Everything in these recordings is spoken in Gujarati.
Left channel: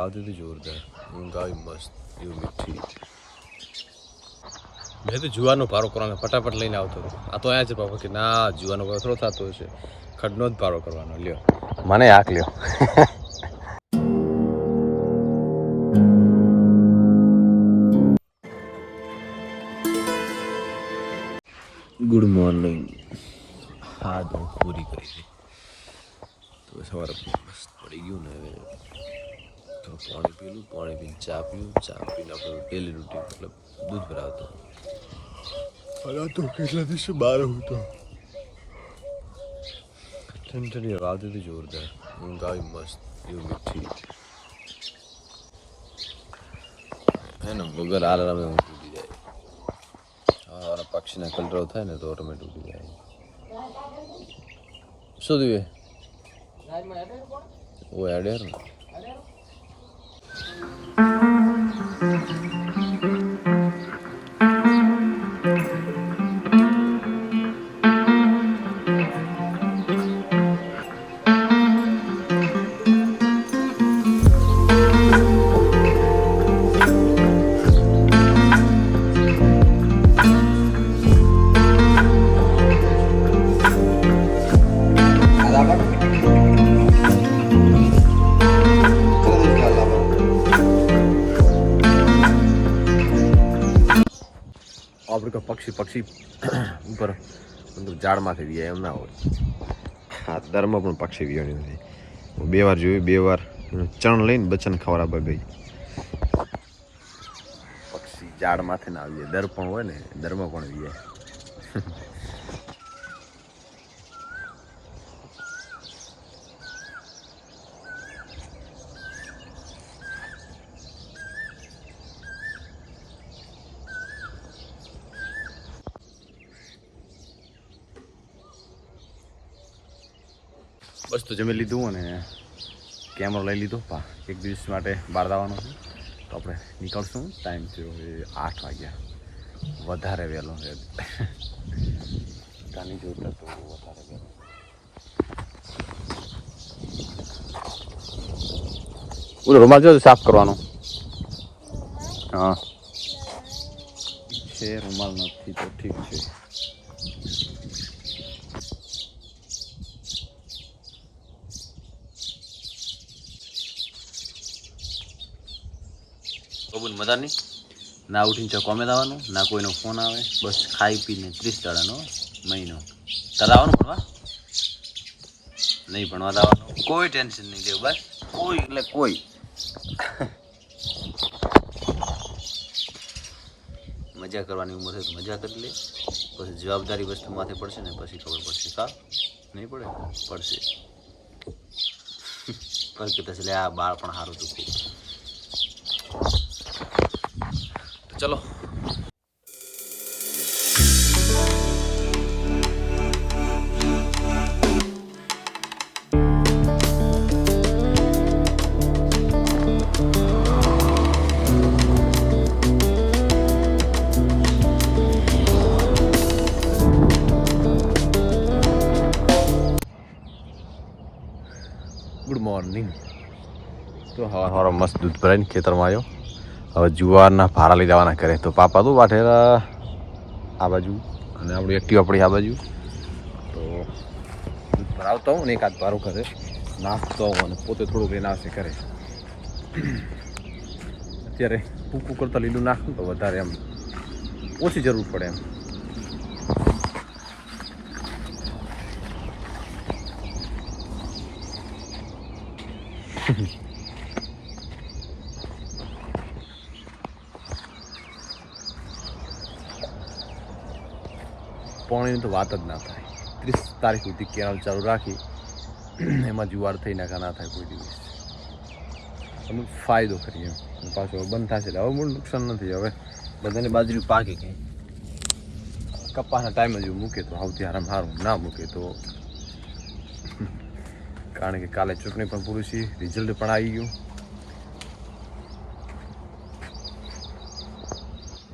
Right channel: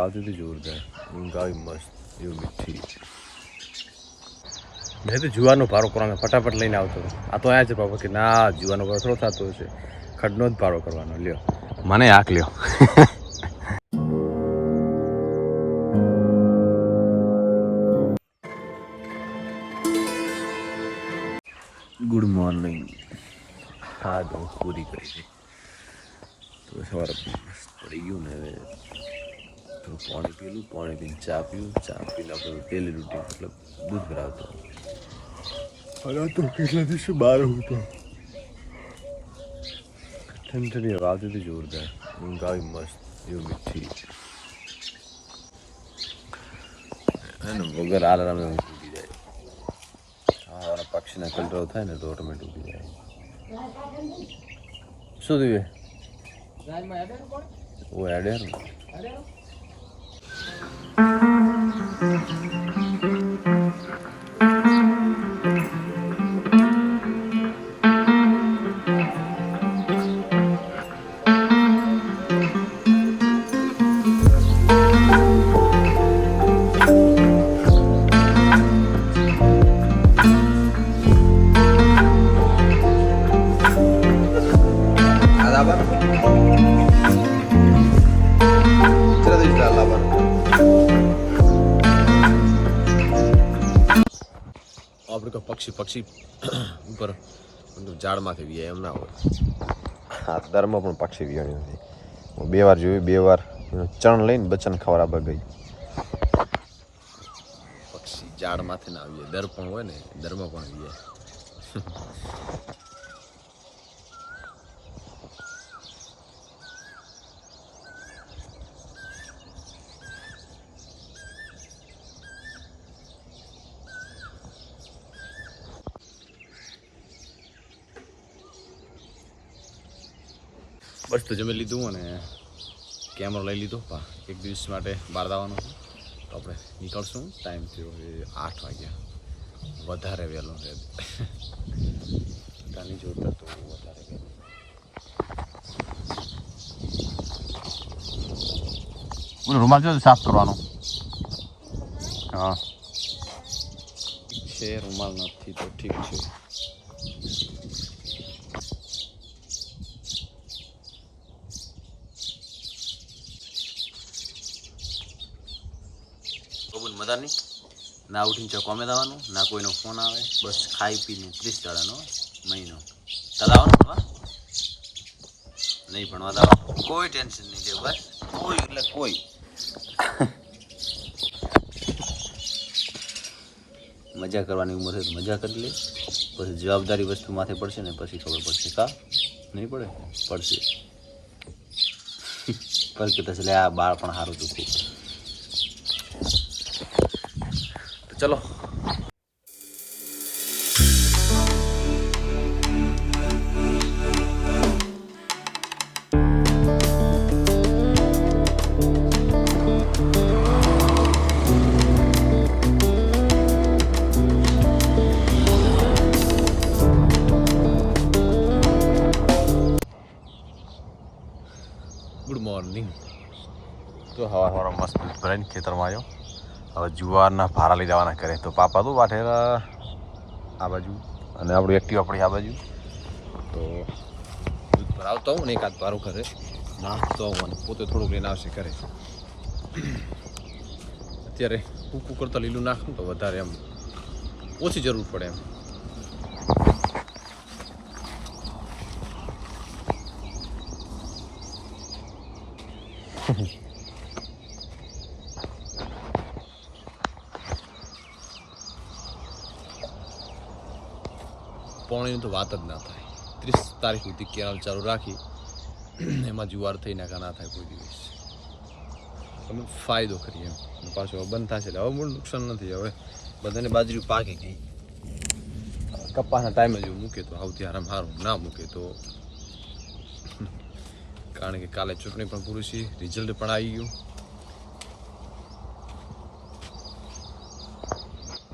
આવતી હતી જોરદાર ઊંઘ આવી મસ્ત એવું મીઠી. મેં તો જુવાનો ભારો કરવાનો ફટાફટ લઈને આવતો હતો. આ તો અહીંયા છે પાપા કે ના જુવાનો ભારો થોડો થતો હશે, ખડનો જ ભારો કરવાનો. લ્યો મને આંખ લ્યો. Good morning. હા તો પૂરી કરી છે તો સવારે મસ્ત પડી ગયું ને. તો પાણી પીલું, પાણી પીને ચા પીવું, ચા પીને આપણું ડેલી રૂટીન મતલબ દૂધ ભરાવતો. હવે તો કેટલા દિવસે બહાર હું તો ઠંડી ઠંડી હવા આવતી હતી જોરદાર ઊંઘ આવી મસ્ત એવું મીઠી. એને વગર આલારામે ઊંઘ તૂટી જાય. હા પક્ષીના કલરવ થાય ને તો ઓટોમેટિક ઉઠી જાય. શું થયું ઓ એડેર ને આપણે પક્ષી ઉપર મતલબ ઝાડમાંથી વીએ એમ ના હોય. હા દરમાં પણ પક્ષી વીવાની નથી. હું 2 વાર જોયું, 2 વાર ચણ લઈને બચ્ચાને ખવડાવવા ગઈ. પક્ષી ઝાડમાંથી ના આવીએ, દર પણ હોય ને દરમાં પણ વીએ. બસ તો જમી લીધું અને કેમેરો લઈ લીધો. એક દિવસ માટે બહાર જવાનું છે તો આપણે નીકળશું. ટાઈમ થયો છે 8 વાગ્યા. વધારે વહેલો છે કાની જોતા તો વધારે વહેલો. ઓલો રૂમાલ જો સાફ કરવાનો. હા છે રૂમાલ નથી તો ઠીક છે. બબુન મદારની ના ઉઠીને ચોકોમે આવવાનું, ના કોઈનો ફોન આવે, બસ ખાઈ પીને 30 દાડાનો મહિનો. તારે આવવાનું ભણવા નહીં, ભણવા આવવાનું, કોઈ ટેન્શન નહીં લેવું બસ. કોઈ એટલે કોઈ મજા કરવાની ઉંમર છે તો મજા કરી લે. પછી જવાબદારી વસ્તુ માથે પડશે ને પછી ખબર પડશે. કા નહીં પડે? પડશે. પછી કહેતા છે આ બાળ પણ સારું હતું ખૂબ. ચલો ગુડ મોર્નિંગ. તો હવા મસ્ત દૂધ ભરાઈને ખેતરમાં આવ્યો. હવે જુવારના ભાડા લઈ જવાના કરે તો પાપા તો વાઠેલા આ બાજુ અને આપણું એક્ટિવ આપણી આ બાજુ. તો દૂધ ભરાવતો હું ને એકાદ ભારો કરે નાખતો હોઉં અને પોતે થોડુંક લઈને આવશે કરે. અત્યારે કૂકું કરતાં લીલું નાખું તો વધારે એમ ઓછી જરૂર પડે એમ. પાણીની તો વાત જ ના થાય. 30 તારીખ સુધી કેનાલ ચાલુ રાખી એમાં જુવાર થઈ નાખા ના થાય કોઈ દિવસ. અમુક ફાયદો કરીએ એમ. અને પાછું હવે બંધ થશે એટલે હવે મૂળ નુકસાન નથી. હવે બધાને બાજરી પાકી ગઈ. કપાસના ટાઈમે જ મૂકે તો સૌથી આરામ સારું, ના મૂકે તો કારણ કે કાલે ચૂંટણી પણ પૂરી છે, રિઝલ્ટ પણ આવી ગયું.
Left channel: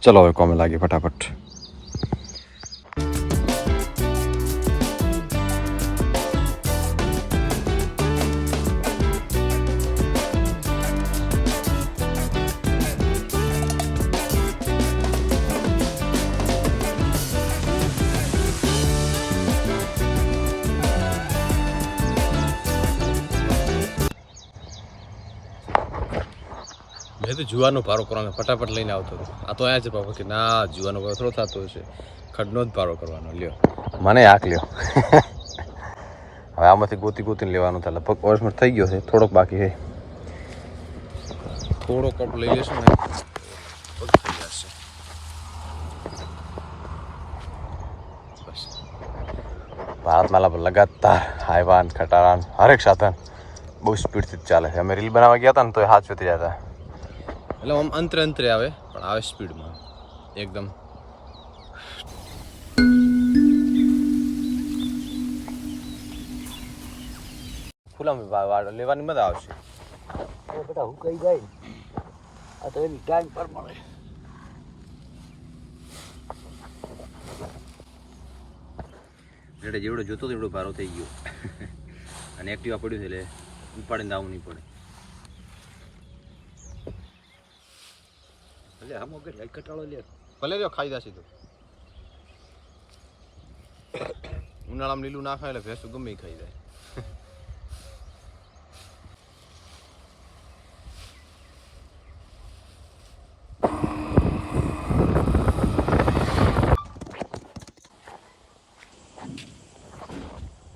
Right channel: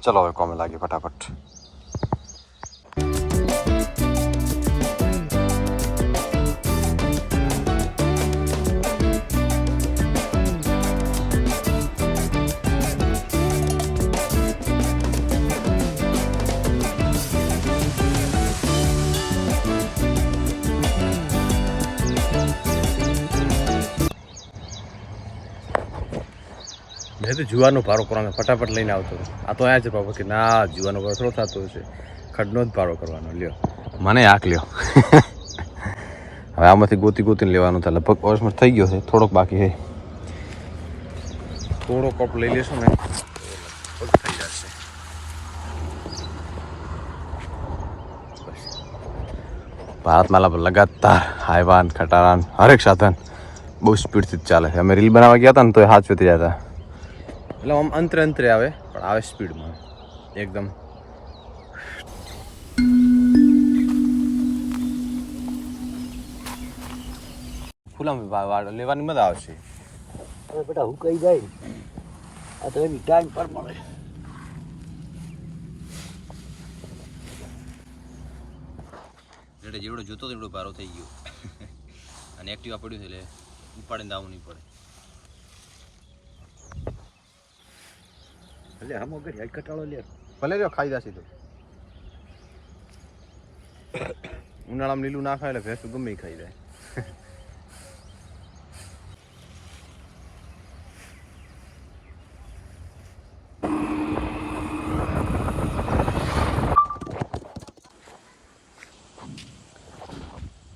ચલો હવે કોમે લાગીએ ફટાફટ. મેં તો જુવારનો ભારો કરવાનો ફટાફટ લઈને આવતો હતો. આ તો અહીંયા છે પાપા કે ના જુવારનો ભારો થોડો થતો હશે, ખડનો જ ભારો કરવાનો. લ્યો મને આંક લ્યો. હવે આમાંથી ગોતીને લેવાનું થાય. લગભગ ઓલમોસ્ટ થઈ ગયો છે, થોડોક બાકી છે. થોડો કપ લઈ લેશું ને થઈ જશે. બસ ભારતમાલા પર લગાતાર હાઈવાન ખટારાન હરેક સાધન બહુ સ્પીડથી જ ચાલે છે. અમે રીલ બનાવવા ગયા હતા ને તો એ હાથ વેતી જતા, એટલે આમ અંતરે આવે પણ આવે સ્પીડમાં એકદમ. ફૂલામાં લેવાની મજા આવશે. બેટા હું કઈ જાય આ તો એની ટાઈમ પર મળે. એટલે જેવડો જોતો એવડો ભારો થઈ ગયો. અને એક્ટિવા પડ્યું છે એટલે ઉપાડીને આવવું નહીં પડે. એટલે આમ વગર કટાળો લે ભલે રહ્યો ખાઈ જશે તો. ઉનાળામાં લીલું ના ખાય એટલે ભેંસ તો ગમે ખાઈ જાય.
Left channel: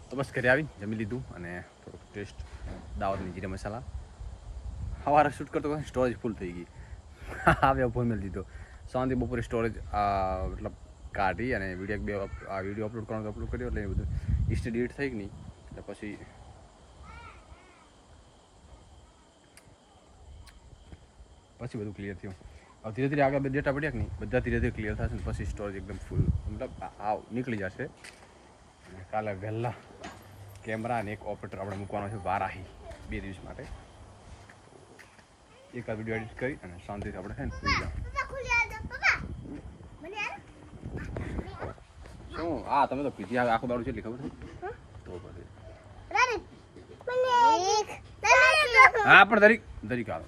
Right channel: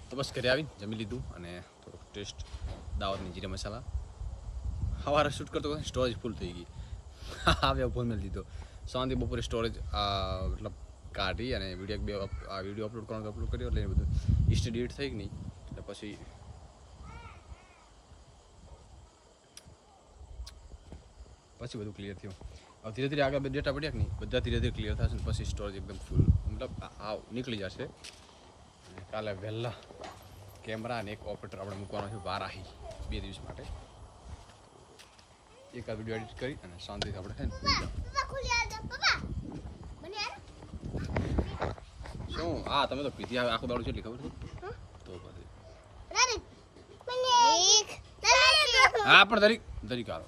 તો બસ ઘરે આવીને જમી લીધું અને થોડોક ટેસ્ટ દાવતની જીરા મસાલા. સવારે શૂટ કરતો સ્ટોરેજ ફૂલ થઈ ગઈ. આવ્યા ફોન મેળ દીધો. સાંજે બપોરે સ્ટોરેજ મતલબ કાઢી અને વિડીયો અપલોડ કરવાનો અપલોડ કર્યો એટલે બધું હિસ્ટ્રી ડિલીટ થઈ ગઈ નહીં. એટલે પછી બધું ક્લિયર થયું. હવે ધીરે ધીરે આગળ ડેટા પડ્યા કે નહીં બધા ધીરે ધીરે ક્લિયર થશે ને પછી સ્ટોરેજ એકદમ ફૂલ મતલબ નીકળી જશે. અને કાલે વહેલા કેમેરા અને એક ઓપરેટર આપણે મૂકવાનો છે વારાહી 2 દિવસ માટે. એક આ વિડીયો એડિટ કરી અને શાંતિથી આપણે છે ને સુઈ જાવ. શું હા તમે તો પીધી આવે આખો દાડો છે એટલી ખબર છે તો પછી હા પણ દરી કાઢો.